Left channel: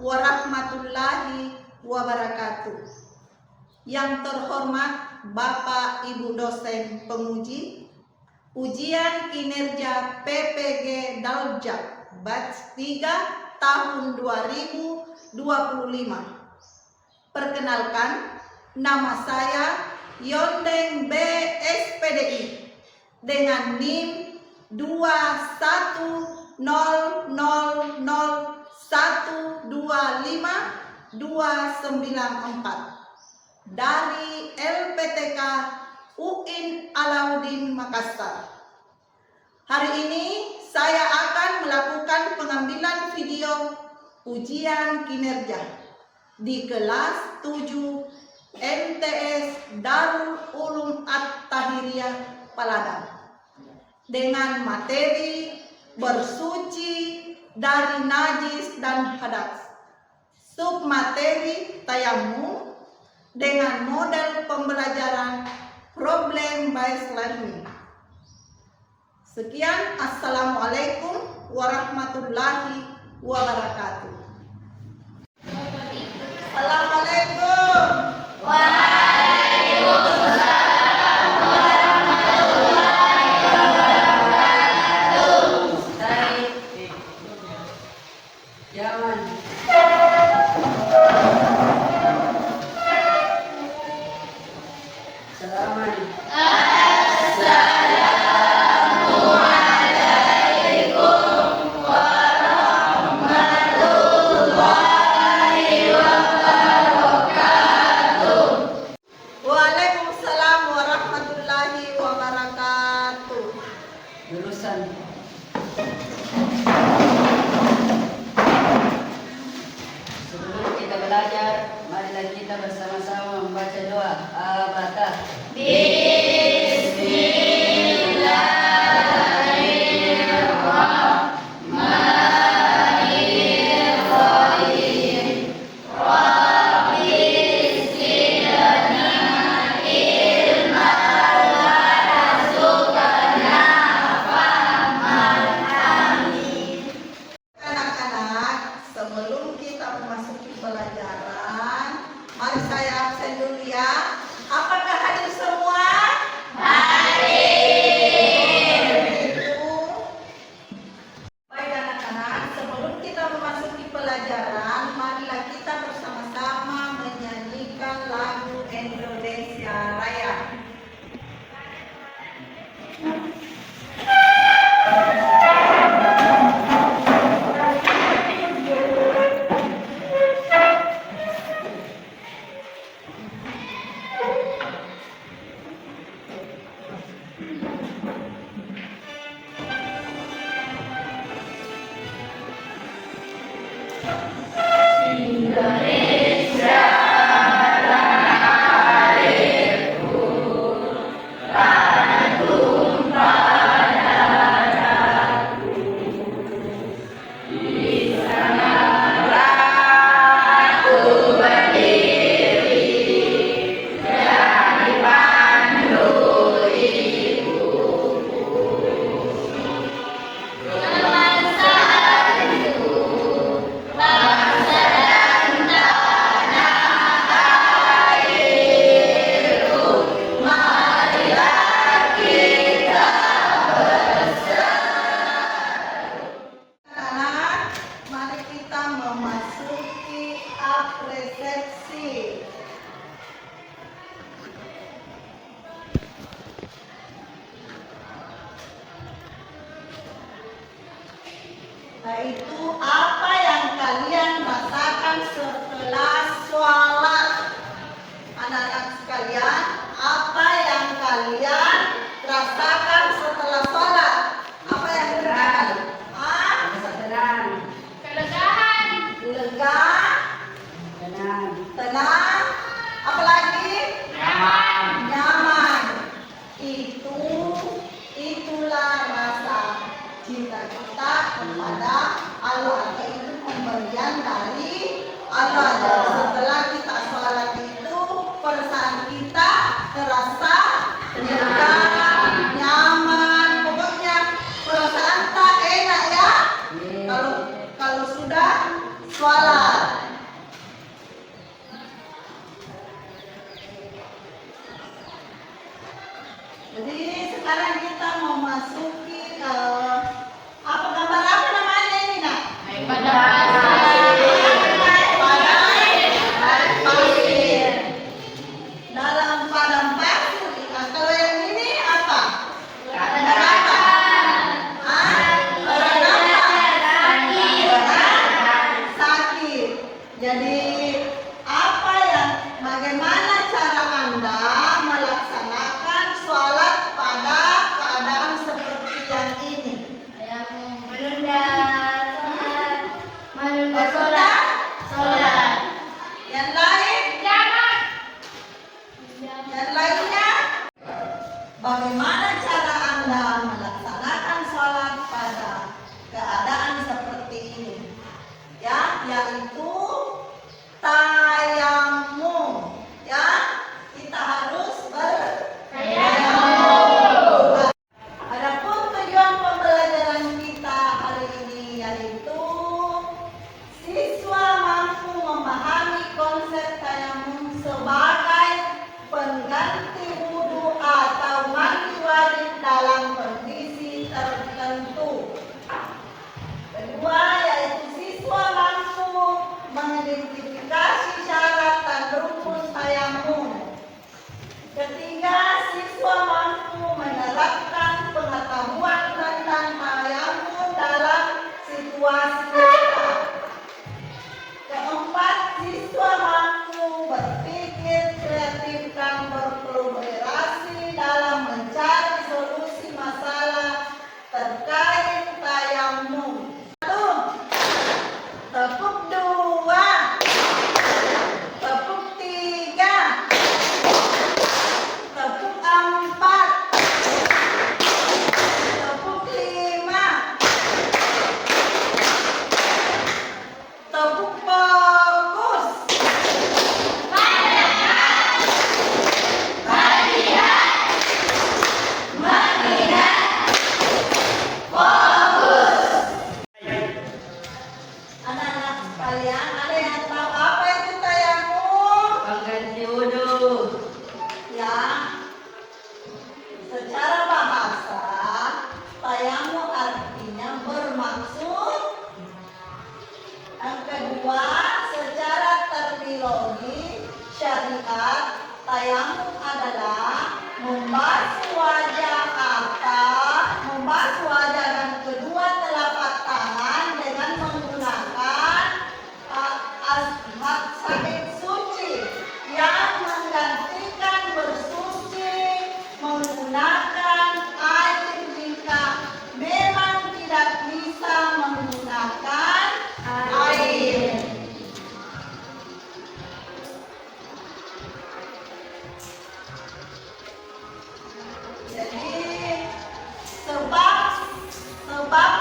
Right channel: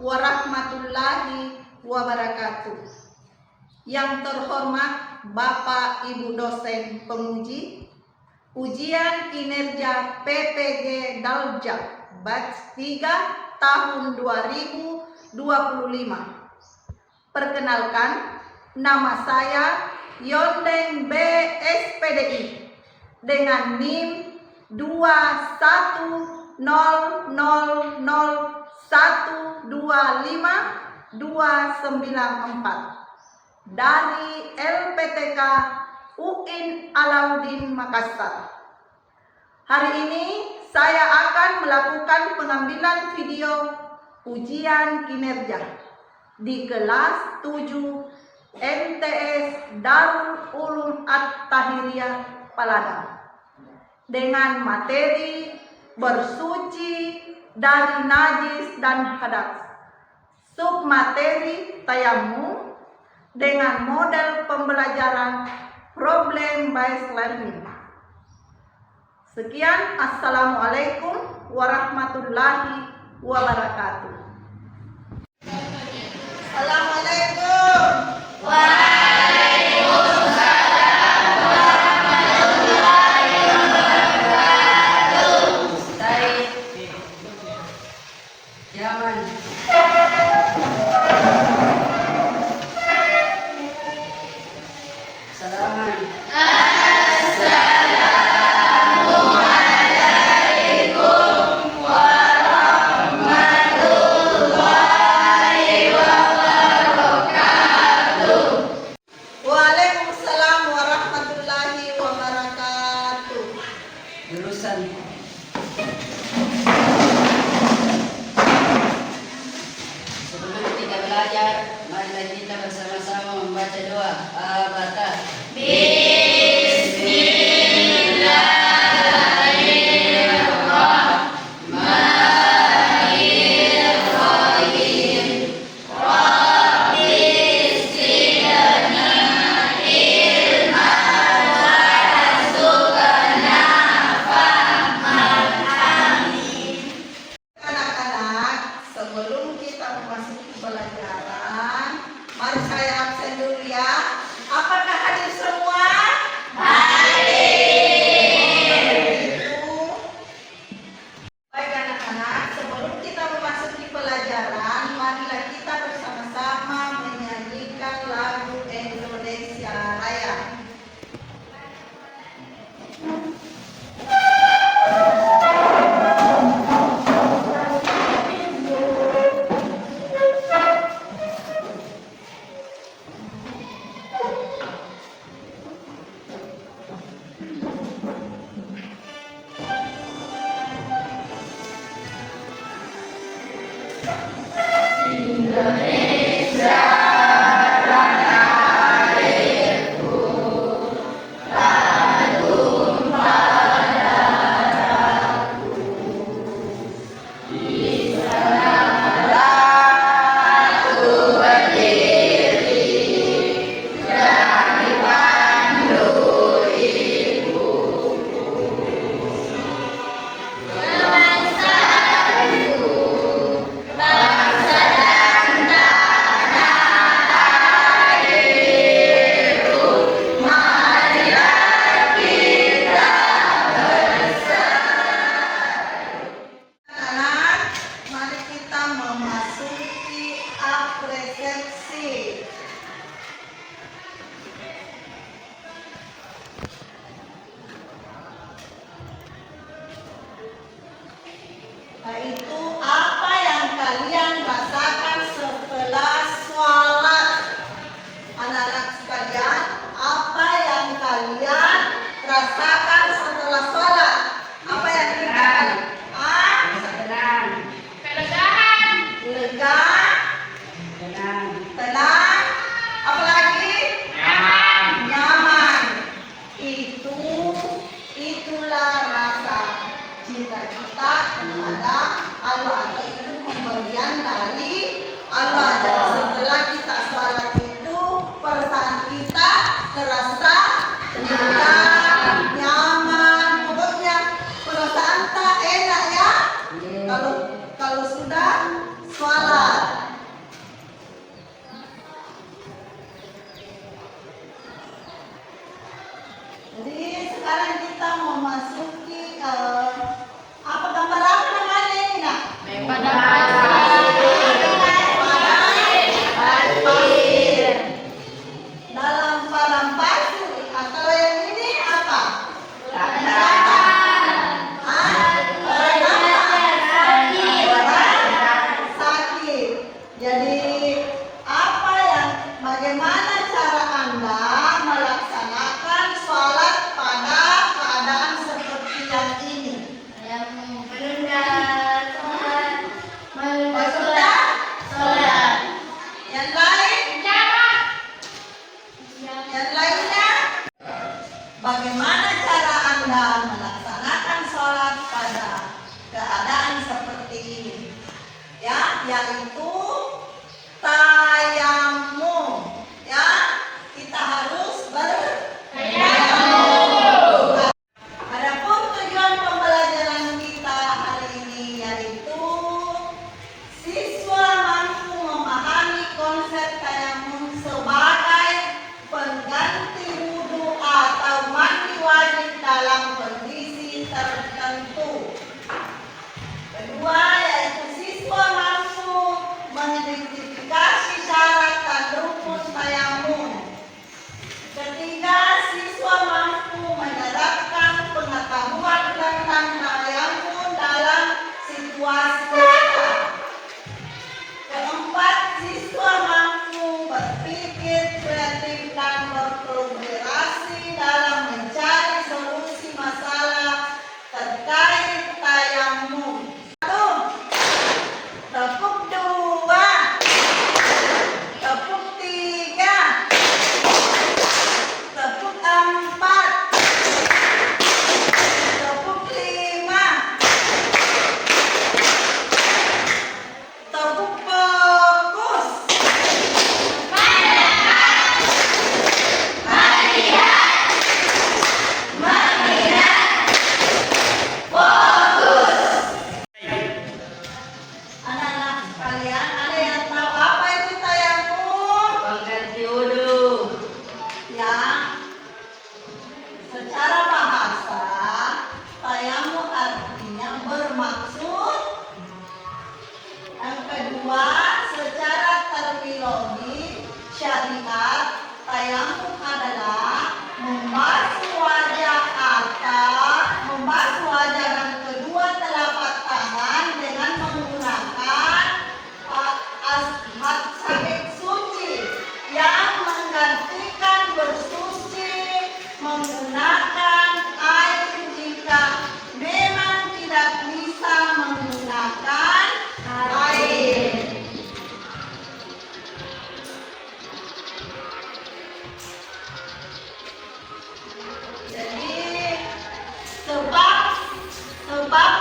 warahmatullahi wabarakatuh. Yang terhormat Bapak Ibu dosen penguji, ujian kinerja PPG Daljak batch 3 tahun 2025. Perkenalkan, nama saya Yondeng B SPDI dengan NIM 21000125294 dari LPTK UIN Alauddin Makassar. Hari ini saya akan melakukan pengambilan video ujian kinerja di kelas 7 MTS Darul Ulum At-Tahiriyah Paladang dengan materi bersuci dari najis dan hadas, submateri tayamum dengan model pembelajaran problem based learning. Sekian, assalamualaikum warahmatullahi wabarakatuh. Assalamualaikum. Sebelum kita belajar, marilah kita bersama-sama membaca doa Al-Fatihah. Sebelum kita memasuki pelajaran, mari saya absen dulu ya. Apakah hadir semua? Baik anak-anak, sebelum kita memasuki pelajaran, marilah kita bersama-sama menyanyikan lagu Indonesia Raya. Memasuki apresiasi. Yaitu apa yang kalian rasakan setelah sholat. Anak-anak sekalian, apa yang kalian rasakan setelah sholat? Apa yang kalian rasakan? Lega, tenang, apalagi nyaman. Itulah rasa cinta kita kepada Allah, atau itu pemberian dari Allah. Dan setelah kita sholat itu, perasaan kita terasa lega, nyaman, pokoknya perasaan tak enak ya. Kalau sudah sholat.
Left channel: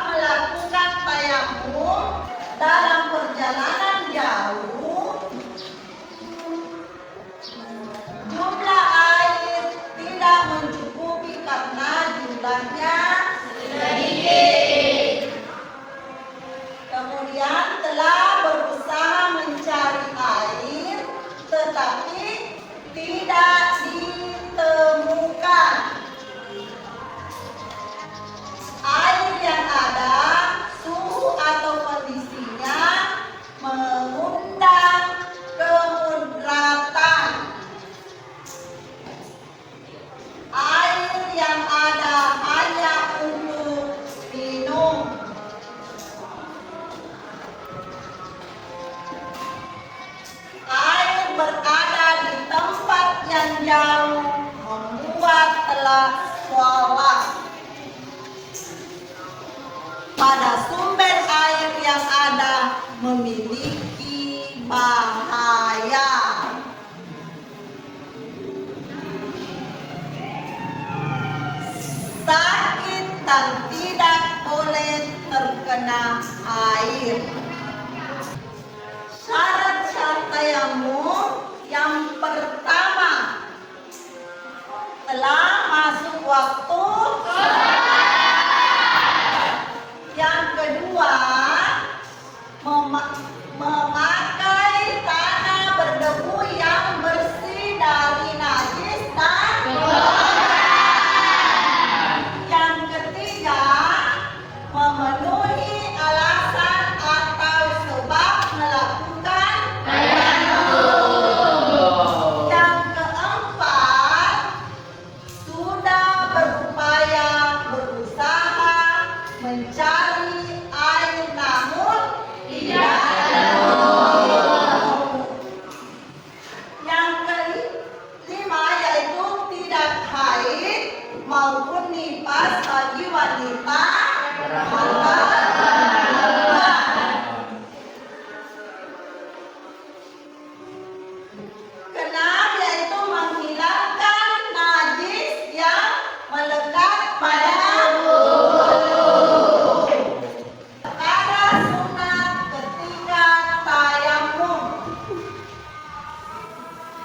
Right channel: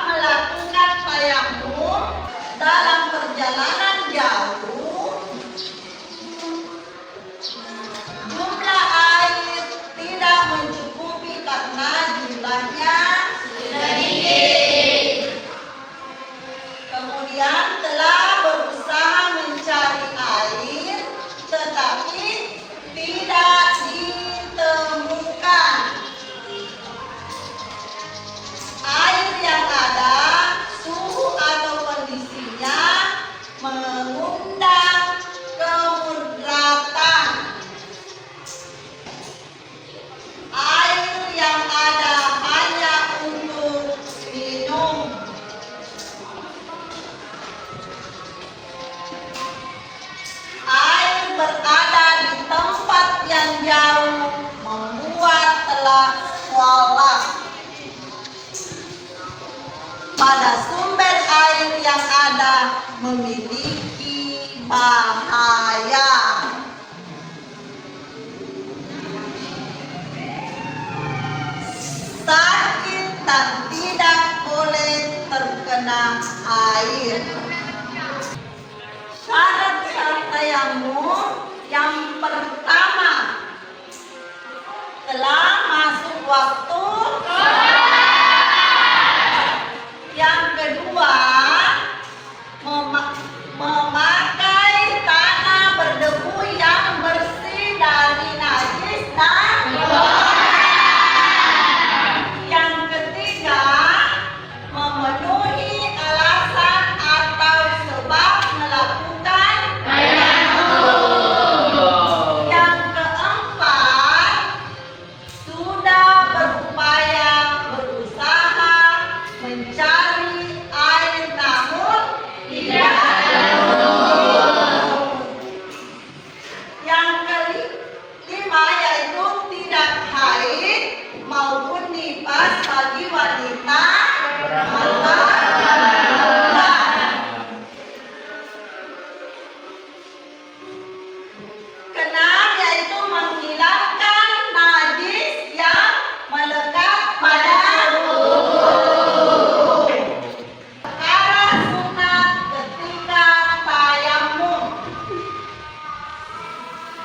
melakukan tayamum dalam perjalanan jauh, jumlah air tidak mencukupi karena jumlahnya sedikit. Kemudian telah berusaha mencari air, tetapi tidak ditemukan. Air yang ada, suhu atau kondisinya mengundang kemudaratan. Air yang ada hanya untuk minum. Air berada di tempat yang jauh membuat telah swalak. Pada sumber air yang ada memiliki bahaya. Sakit dan tidak boleh terkena air. Syarat tayamum yang pertama, telah masuk waktu. Yang kedua, memakai tanah berdebu yang bersih dari najis dan yang ketiga, memenuhi alasan atau sebab melakukan yang keempat, sudah berusaha mencari air namun tidak ketemu. Yang kelima yaitu tidak haid maupun nifas bagi wanita atau keenam yaitu menghilangkan najis yang melekat pada perkara sunat ketika tayamum.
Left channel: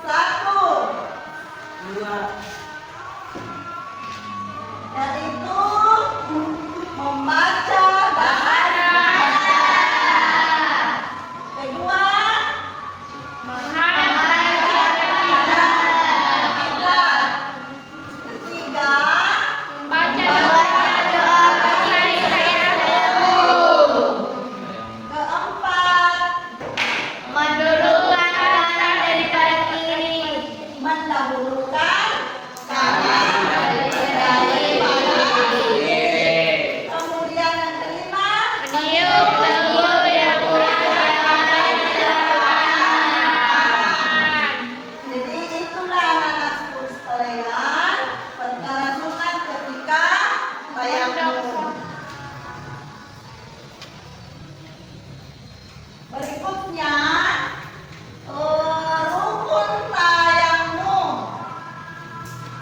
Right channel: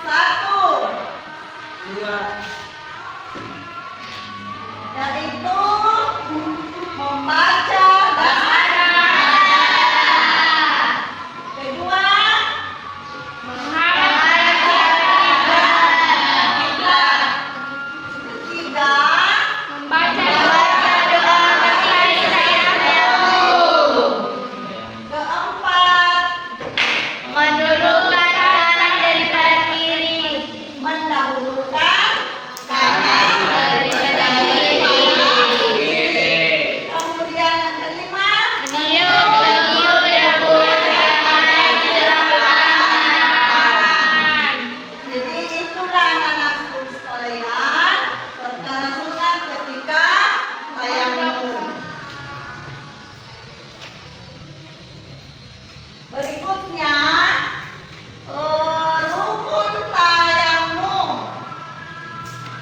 1. Yaitu membaca dan kedua, ketiga, keempat, mendahulukan kanan daripada kiri. Kemudian yang kelima, jadi itulah anak-anakku sekalian perkara sunat ketika tayamum. Berikutnya rukun tayamum,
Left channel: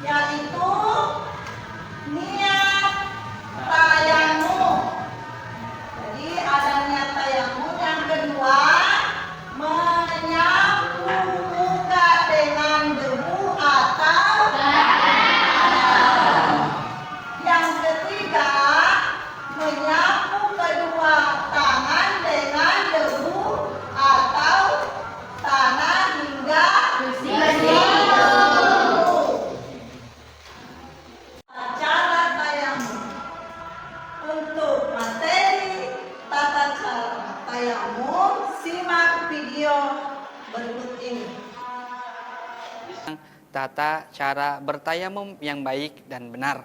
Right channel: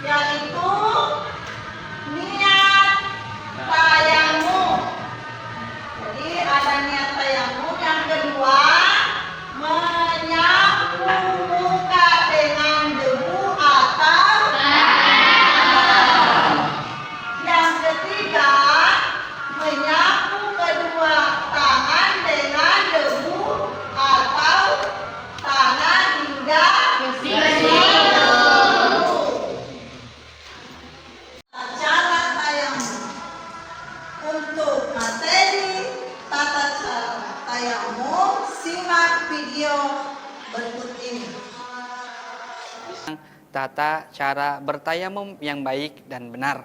yaitu niat tayamum. Jadi ada niat tayamum. Yang kedua, menyapu muka dengan debu atau yang ketiga, menyapu kedua tangan dengan debu atau tanah hingga cara tayamum. Untuk materi tata cara tayamum, simak video berikut ini. Tata cara bertayamum yang baik dan benar.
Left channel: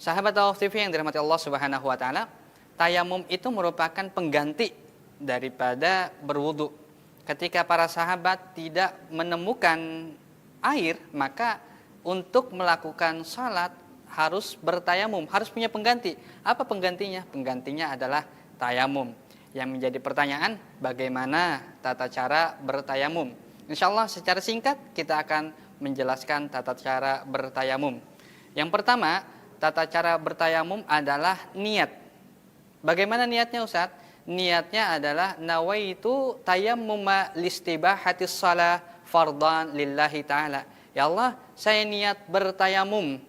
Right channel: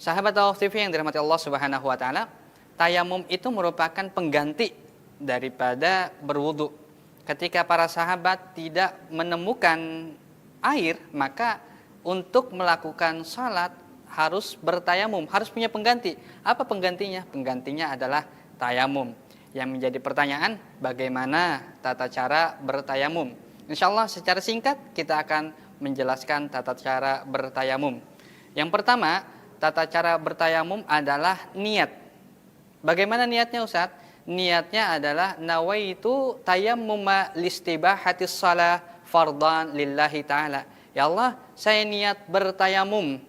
Sahabat Tawaf TV yang dirahmati Allah Subhanahu wa taala, tayamum itu merupakan pengganti daripada berwudu. Ketika para sahabat tidak menemukan air, maka untuk melakukan salat harus bertayamum, harus punya pengganti. Apa penggantinya? Penggantinya adalah tayamum. Yang menjadi pertanyaan, bagaimana tata cara bertayamum? Insya Allah secara singkat kita akan menjelaskan tata cara bertayamum. Yang pertama, tata cara bertayamum adalah niat. Bagaimana niatnya Ustadz? Niatnya adalah nawaitu tayammuma listibahatis shalah fardan lillahi ta'ala. Ya Allah, saya niat bertayamum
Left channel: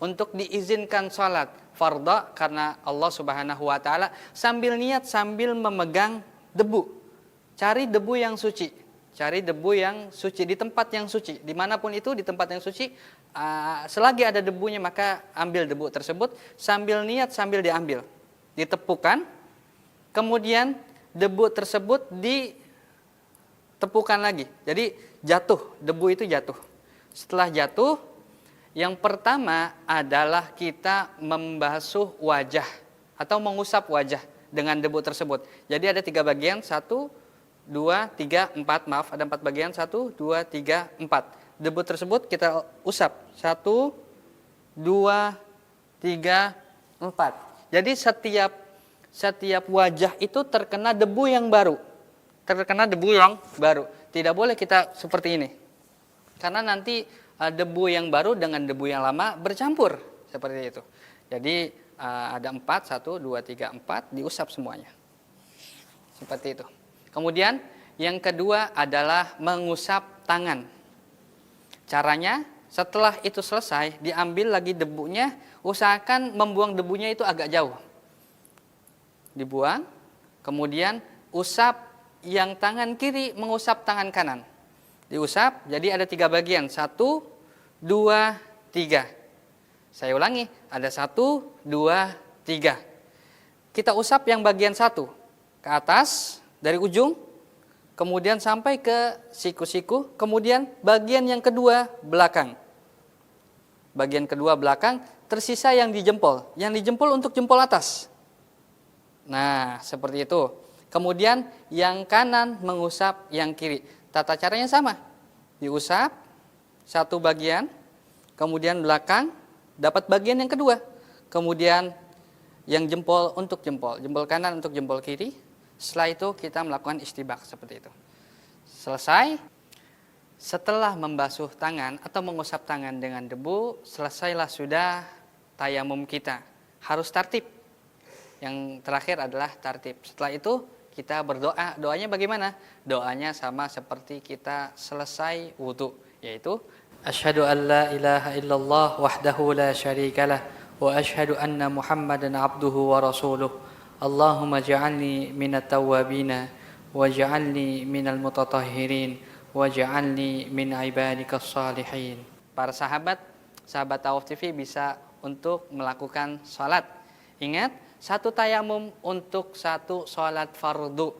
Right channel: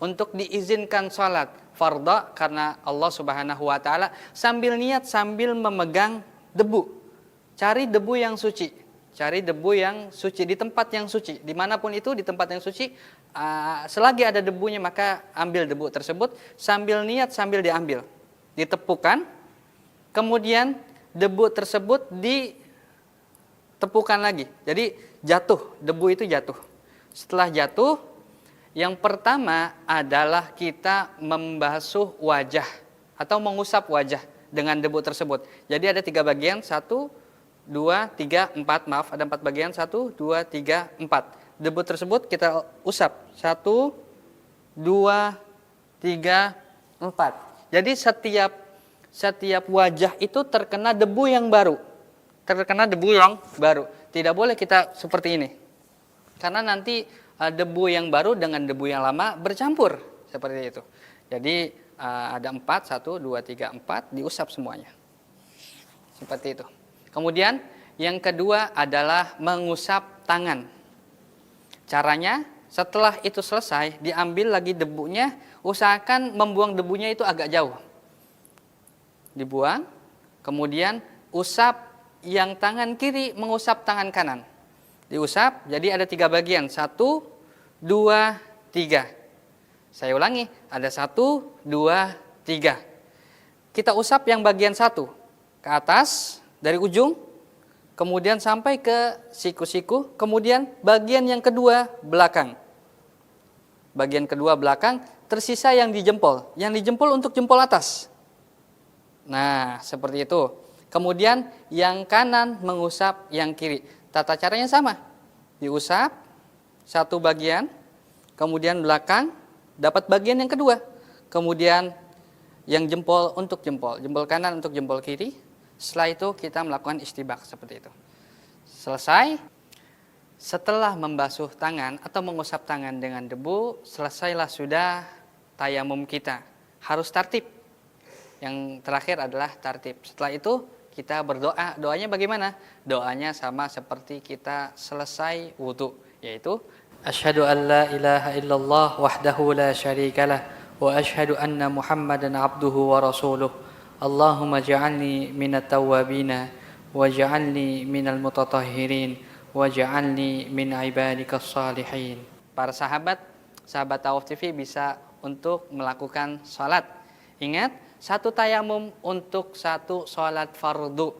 untuk diizinkan salat farda karena Allah Subhanahu wa taala, sambil niat sambil memegang debu. Cari debu yang suci. Cari debu yang suci di tempat yang suci. Dimanapun itu di tempat yang suci, selagi ada debunya maka ambil debu tersebut sambil niat sambil diambil. Ditepukan, kemudian debu tersebut ditepukan lagi. Jadi jatuh, debu itu jatuh. Setelah jatuh, yang pertama adalah kita membasuh wajah atau mengusap wajah dengan debu tersebut. Jadi ada 3 bagian, 1, 2, 3, 4, maaf, ada 4 bagian, 1, 2, 3, 4. Debu tersebut kita usap, 1, 2, 3, 4. Jadi setiap wajah itu terkena debu yang baru. Terkena debu yang baru. Tidak boleh kita seperti ini. Karena nanti debu yang baru dengan debu yang lama bercampur seperti itu. Jadi ada 4, 1, 2, 3, 4 diusap semuanya. Seperti itu. Kemudian yang kedua adalah mengusap tangan. Caranya setelah itu selesai diambil lagi debunya, usahakan membuang debunya itu agak jauh. Dibuang, kemudian usap yang tangan kiri mengusap tangan kanan. Diusap, jadi ada 3 bagian. 1, 2, 3. Saya ulangi, ada 1, 2, 3. Kita usap yang bagian 1 ke atas dari ujung, kemudian sampai ke siku-siku, kemudian bagian yang kedua belakang. Bagian kedua belakang, tersisa yang di jempol. Yang di jempol untuk jempol atas. Nah, seperti itu. Kemudian yang kanan mengusap yang kiri. Tata caranya sama. Diusap 1 bagian, kemudian belakang dapat bagian yang kedua. Kemudian yang jempol untuk jempol kanan untuk jempol kiri. Setelah itu kita melakukan istibak seperti itu. Selesai. Setelah membasuh tangan atau mengusap tangan dengan debu, selesailah sudah tayamum kita. Harus tartib. Yang terakhir adalah tartib. Setelah itu kita berdoa. Doanya bagaimana? Doanya sama seperti kita selesai wudu, yaitu asyhadu an la ilaha illallah wahdahu la syarikalah wa asyhadu anna Muhammadan abduhu wa rasuluh. Allahumma ja'alni minat tawwabina wa ja'alni minal mutatahhirin wa ja'alni min ibadikas salihin. Para sahabat Tawaf TV bisa untuk melakukan salat. Ingat, 1 tayamum untuk 1 sholat fardu.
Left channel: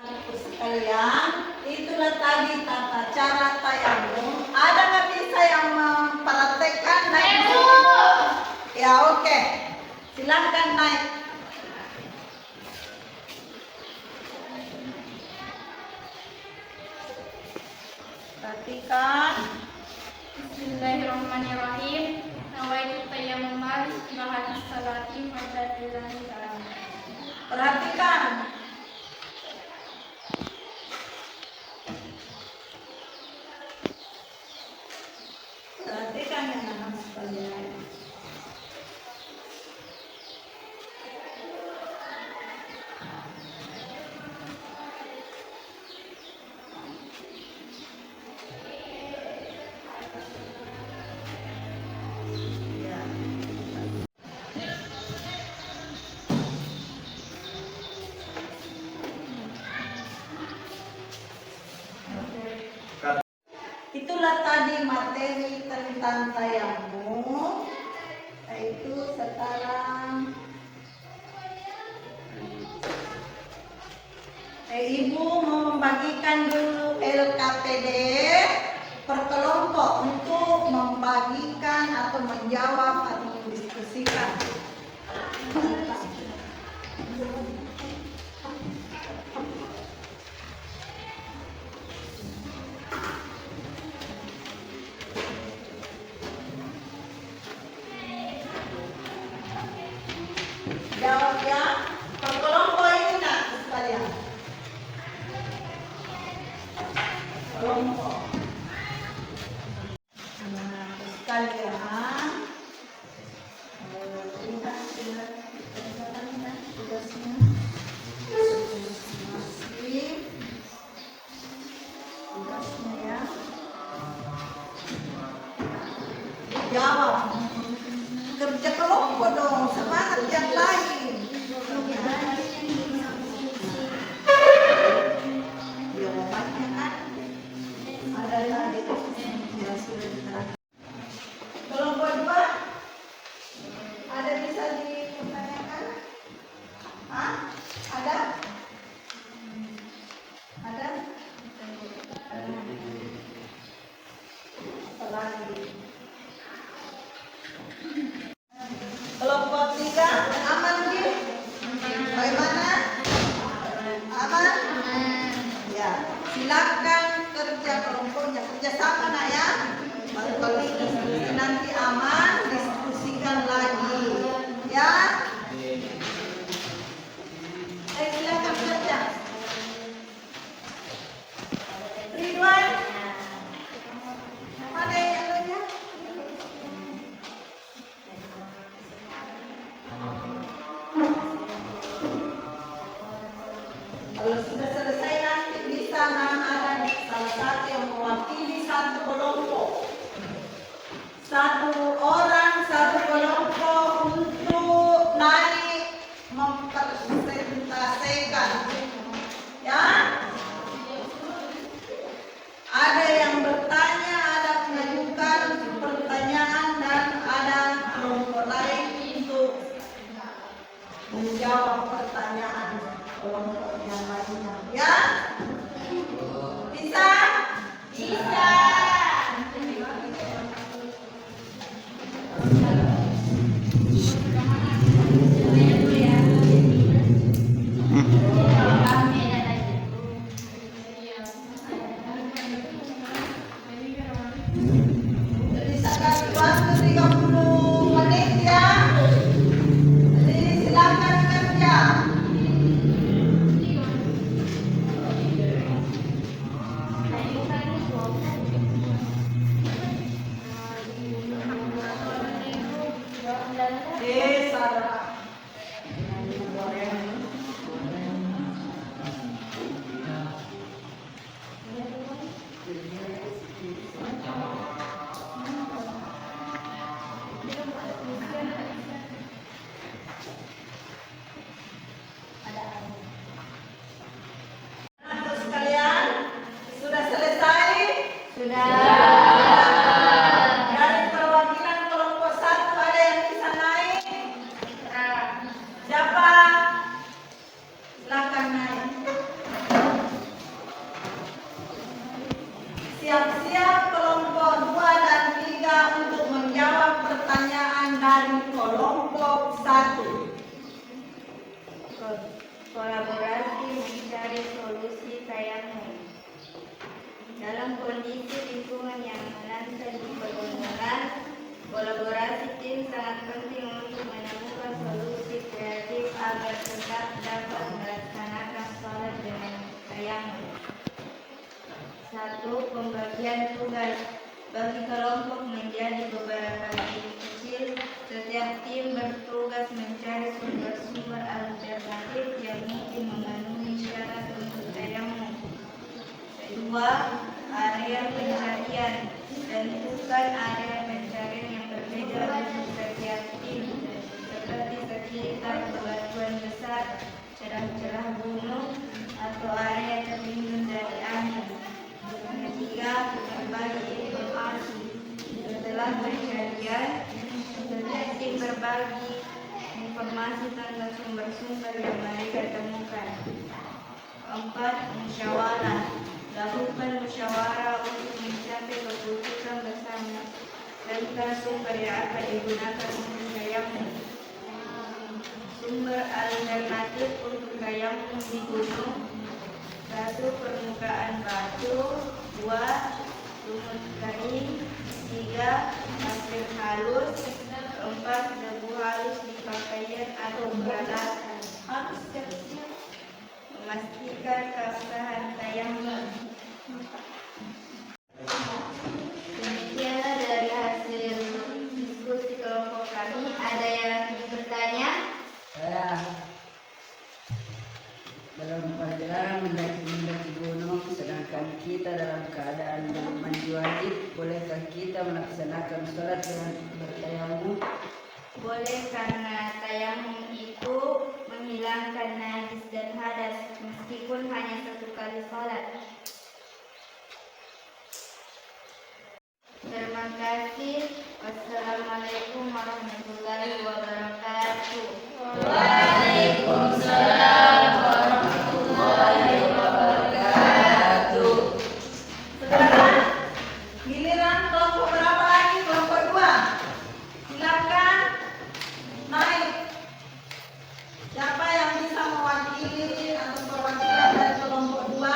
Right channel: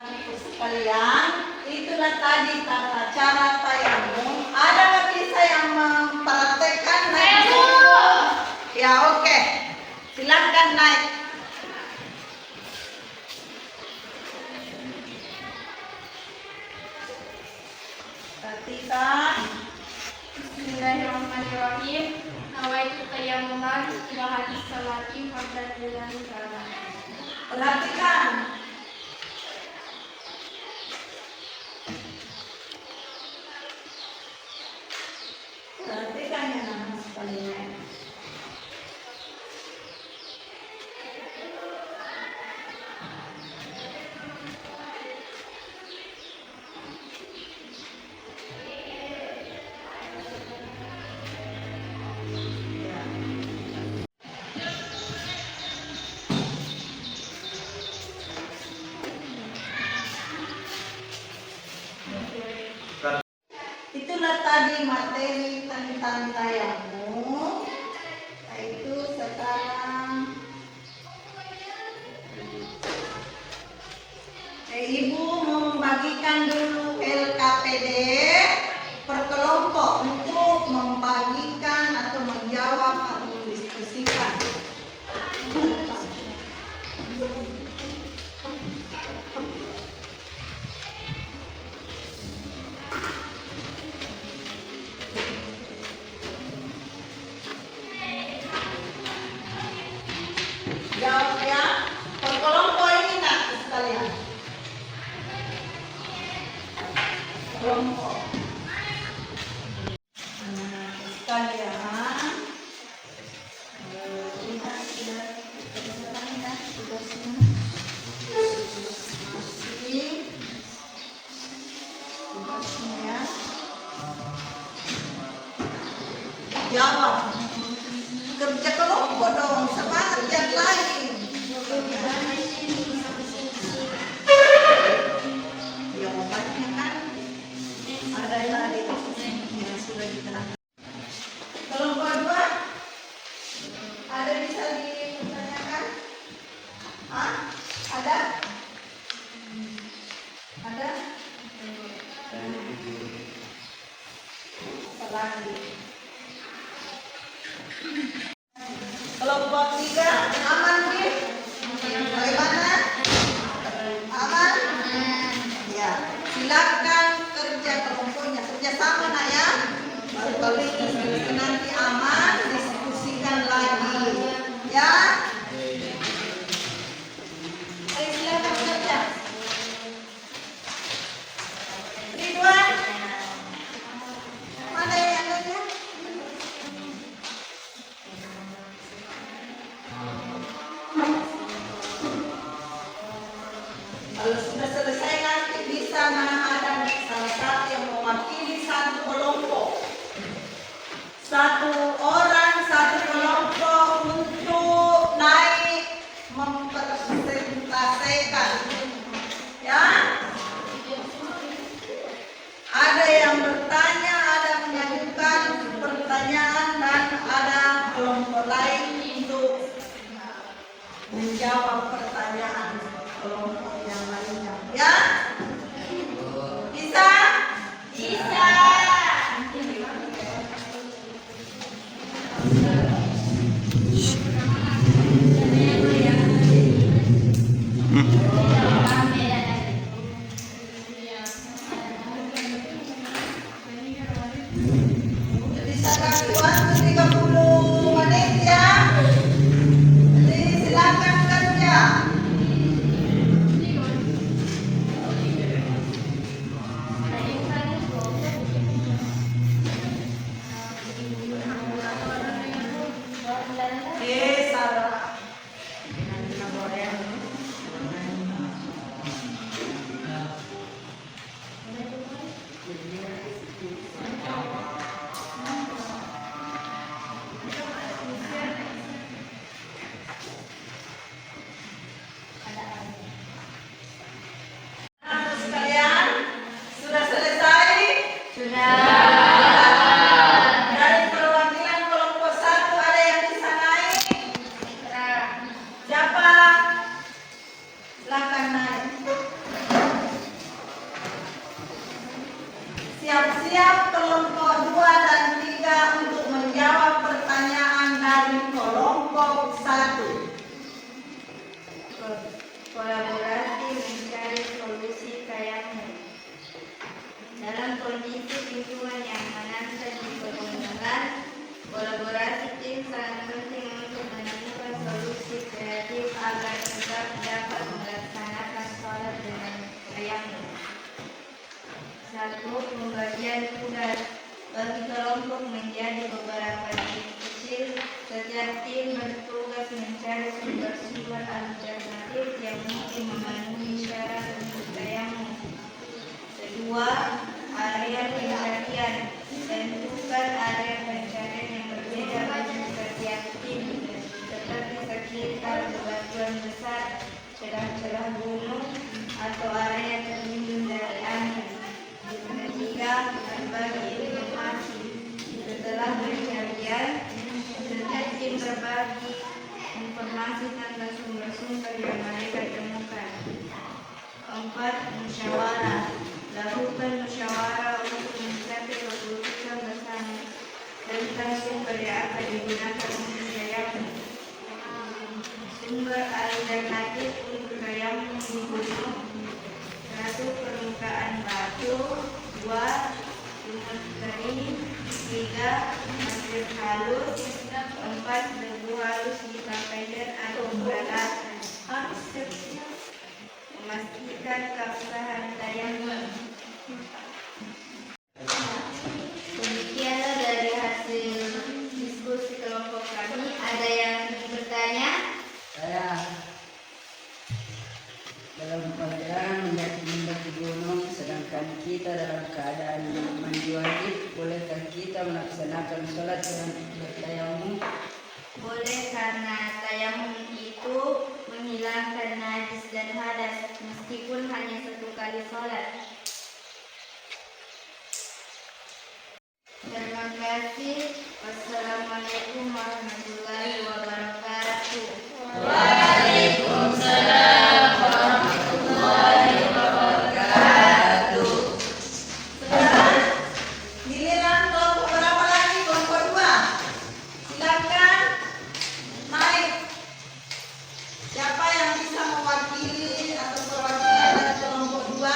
Sekalian, itulah tadi tata cara tayamum. Ada nggak bisa yang mempraktekkan naik? Ya oke, silakan naik. Perhatikan. Bismillahirrahmanirrahim. Nawaitu tayammuma istirahat salati fardhan lillahi ta'ala. Perhatikan. Perhatikan ya anak sekalian. Itulah tadi materi tentang tayamum. Itu sekarang Ibu membagikan dulu LKPD per kelompok untuk membagikan atau menjawab atau mendiskusikan. Jawab ya, per kelompok ini nak sekalian. Kelompok. Anak-anak sekalian, lihat sudah silakan kerja kelompoknya, kerjasama nak ya. Kalau nanti aman, diskusikan lagi, ya. Ayo silakan kerja. Ridwan, mana yang kerja? Kalau sudah selesai nanti bisa ada salah satu yang mewakili satu kelompok. Satu orang, satu kelompok untuk naik mempresentasikan. Ya. Ada yang bertanya, ada mengajukan pertanyaan dan ada kelompok lain untuk menjawab pertanyaan kelompok yang lainnya. Ya? Bisa? Bisa. Bisa kasih waktu 30 menit ya. Jadi silakan kerja. Sarah. Anak sekalian, sudah selesai? Sudah. Dari perwakilan kelompok 1 ada yang bisa naik? Siapa? Silakan naik. Siap-siap kelompok 2 dan 3 untuk menjawab pertanyaan dari kelompok 1. Kolaborasi mencari solusi tayamum. Dalam kondisi lingkungan yang menantang di pegunungan, kolaborasi tim sangat penting untuk menemukan solusi kreatif agar tetap dapat melaksanakan sholat dengan tayamum. 1. Pembagian tugas. Bagi kelompok menjadi beberapa tim kecil, setiap tim bertugas mencari sumber-sumber alternatif yang mungkin memenuhi syarat untuk tayamum. 2. Area pencarian. Tentukan area pencarian yang berbeda bagi setiap tim, seperti sekitar bebatuan besar, celah-celah gunung, atau area terlindung dari angin. 3. Berbagi informasi. Setelah pencarian, setiap tim berbagi informasi tentang sumber-sumber yang mereka temukan. 4. Musyawarah. Lakukan musyawarah untuk mencapai keputusan bersama tentang sumber yang akan digunakan untuk tayamum. Sumber alternatif untuk tayamum di gunung. 1. Permukaan batu. 2. Lumut kering. 3. Pasir halus. 4. Debu halus di pakaian atau peralatan. Memastikan keabsahan tayamum. Demikianlah dari hasil diskusi kelompok kami. Ada yang bertanya? Saya dalam perjalanan mendaki gunung, sedangkan kita dalam keadaan mandi wajib, bolehkah kita melaksanakan sholat dengan bertayamum? Boleh, karena tayamum itu menghilangkan najis dan hadas meskipun hanya 1 kali sholat. Terima kasih. Wassalamualaikum warahmatullahi wabarakatuh. Waalaikumsalam warahmatullahi wabarakatuh. Sekarang giliran kelompok berapa lagi? Kelompok 2. Silakan naik. Siapa yang bisa mewakili atau perwakilan dari kelompok 2?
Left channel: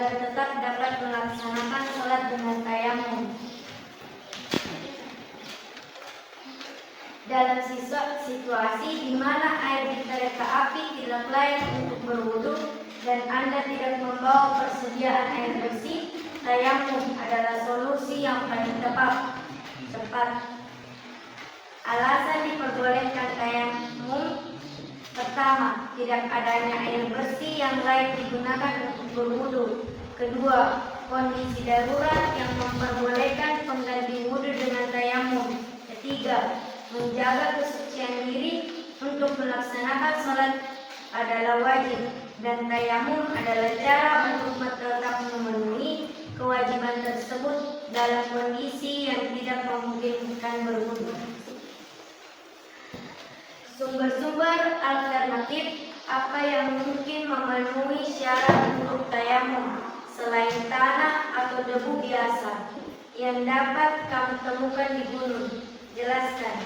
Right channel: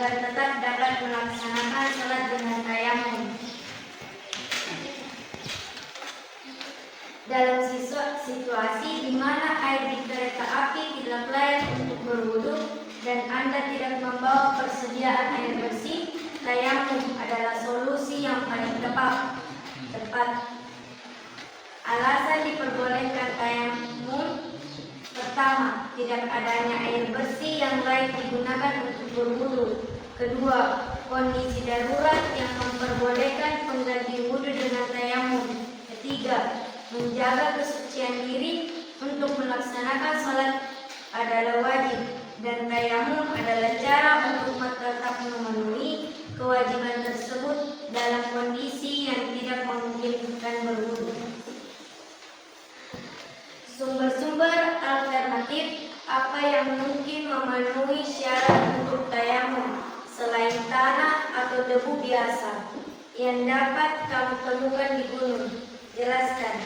agar tetap dapat melaksanakan sholat dengan tayamum. Dalam situasi di mana air di kereta api tidak layak untuk berwudu dan Anda tidak membawa persediaan air bersih, tayamum adalah solusi yang paling tepat. Alasan diperbolehkan tayamum: pertama, tidak adanya air bersih yang layak digunakan untuk berwudu. Kedua, kondisi darurat yang memperbolehkan pengganti wudu dengan tayamum. Ketiga, menjaga kesucian diri untuk melaksanakan sholat adalah wajib, dan tayamum adalah cara untuk tetap memenuhi kewajiban tersebut dalam kondisi yang tidak memungkinkan berwudu. Sumber-sumber alternatif apa yang mungkin memenuhi syarat untuk tayamum selain tanah atau debu biasa yang dapat kamu temukan di gunung? Jelaskan.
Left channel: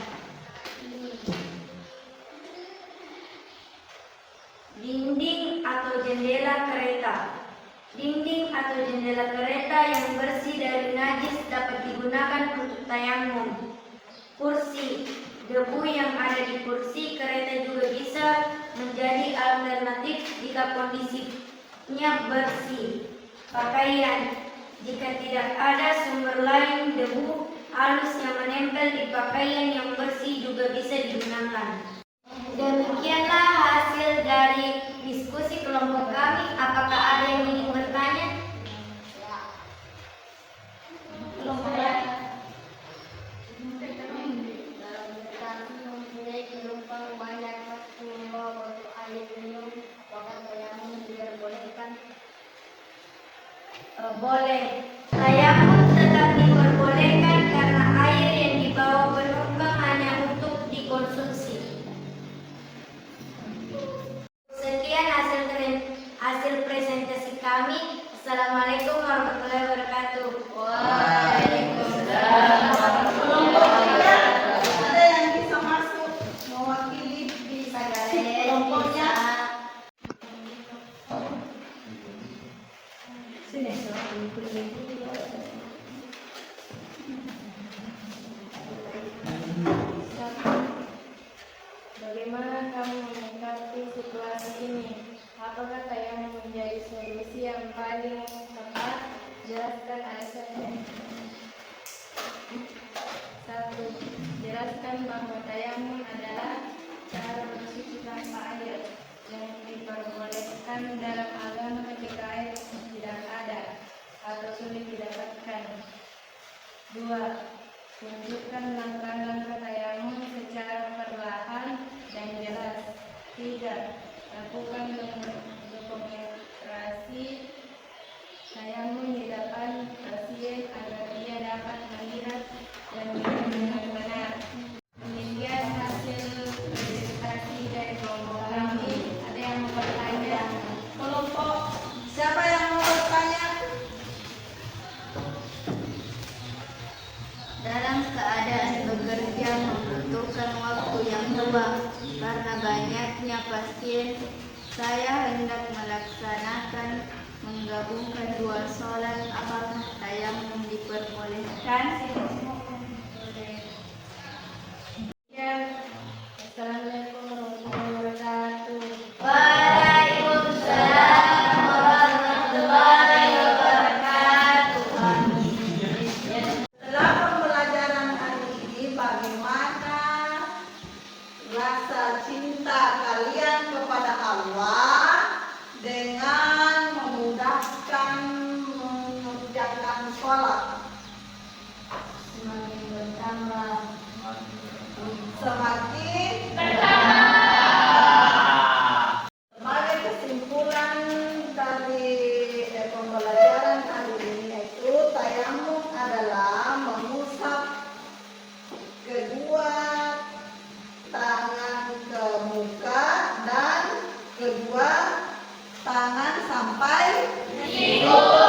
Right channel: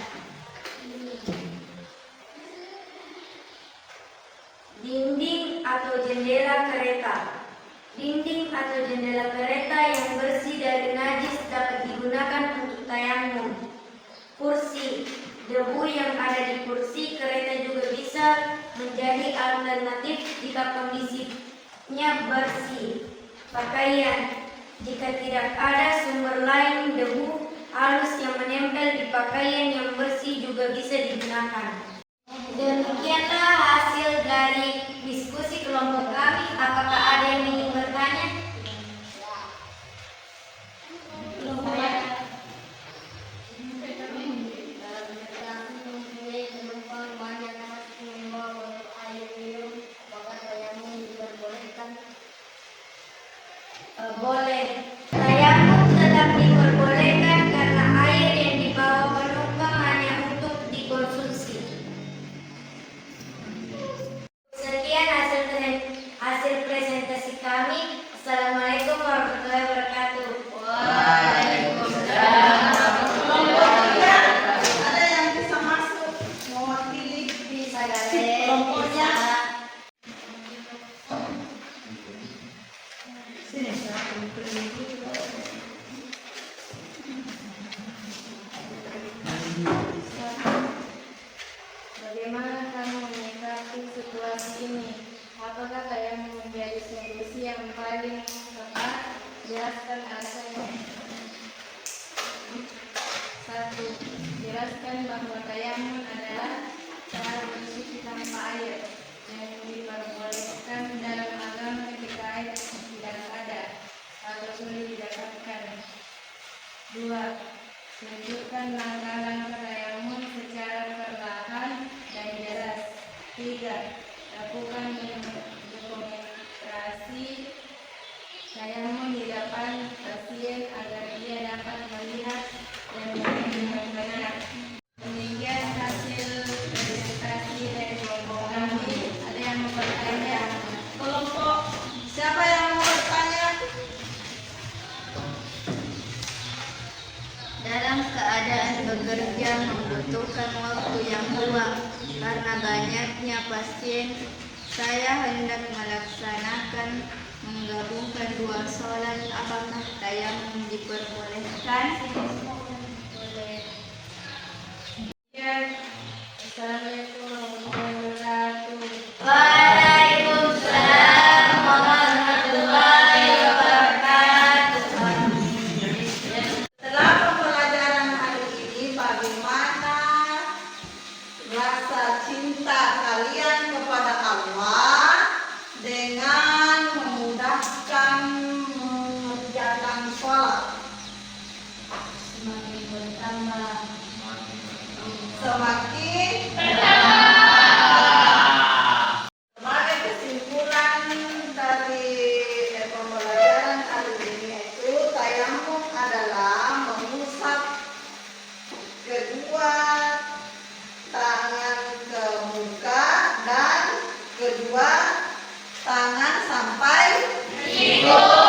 Dinding atau jendela kereta. Dinding atau jendela kereta yang bersih dari najis dapat digunakan untuk tayamum. Kursi. Debu yang ada di kursi kereta juga bisa menjadi alternatif jika kondisinya bersih. Pakaian. Jika tidak ada sumber lain, debu halus yang menempel di pakaian yang bersih juga bisa digunakan. Demikianlah hasil dari diskusi kelompok kami. Apakah ada yang ingin bertanya? Boleh. Tayamum tetap diperbolehkan karena air yang dibawa penumpang hanya untuk dikonsumsi. Sekian hasil presentasi kami. Assalamualaikum warahmatullahi wabarakatuh. Waalaikumsalam. Kelompoknya ada yang bisa masuk mewakili di kelompoknya. Bagaimana kamu menyikapi situasi ini? Apakah tayamum menjadi solusi yang paling tepat? Jelaskan alasannya. 1. Jelaskan bahwa tayamum adalah cara bersuci tanpa air yang diperbolehkan dalam agama ketika air tidak ada atau sulit didapatkan. 2. Tunjukkan langkah-langkah tayamum secara perlahan dan jelas. 3. Lakukan dokumentasi tayamum di depan pasien agar dia dapat melihat dan mengerti dengan benar. Demikian hasil presentasi dari kelompok kami. Ada yang mau bertanya? Kelompok siapa yang mau bertanya? Dalam keadaan bekerja membutuhkan waktu yang luang karena banyaknya pasien, saya hendak melaksanakan menggabungkan dua sholat. Apakah tayamum diperbolehkan? Assalamualaikum warahmatullahi wabarakatuh. Waalaikumsalam warahmatullahi wabarakatuh. Setelah pembelajaran hari ini, bagaimana rasa cinta kalian kepada Allah dengan memudahkan mengerjakan sholat? Semakin bertambah. Semakin sebagai kesimpulan dari pembelajaran hari ini, yaitu tayamum adalah mengusap kedua tangan ke muka dan kedua tangan sampai siku.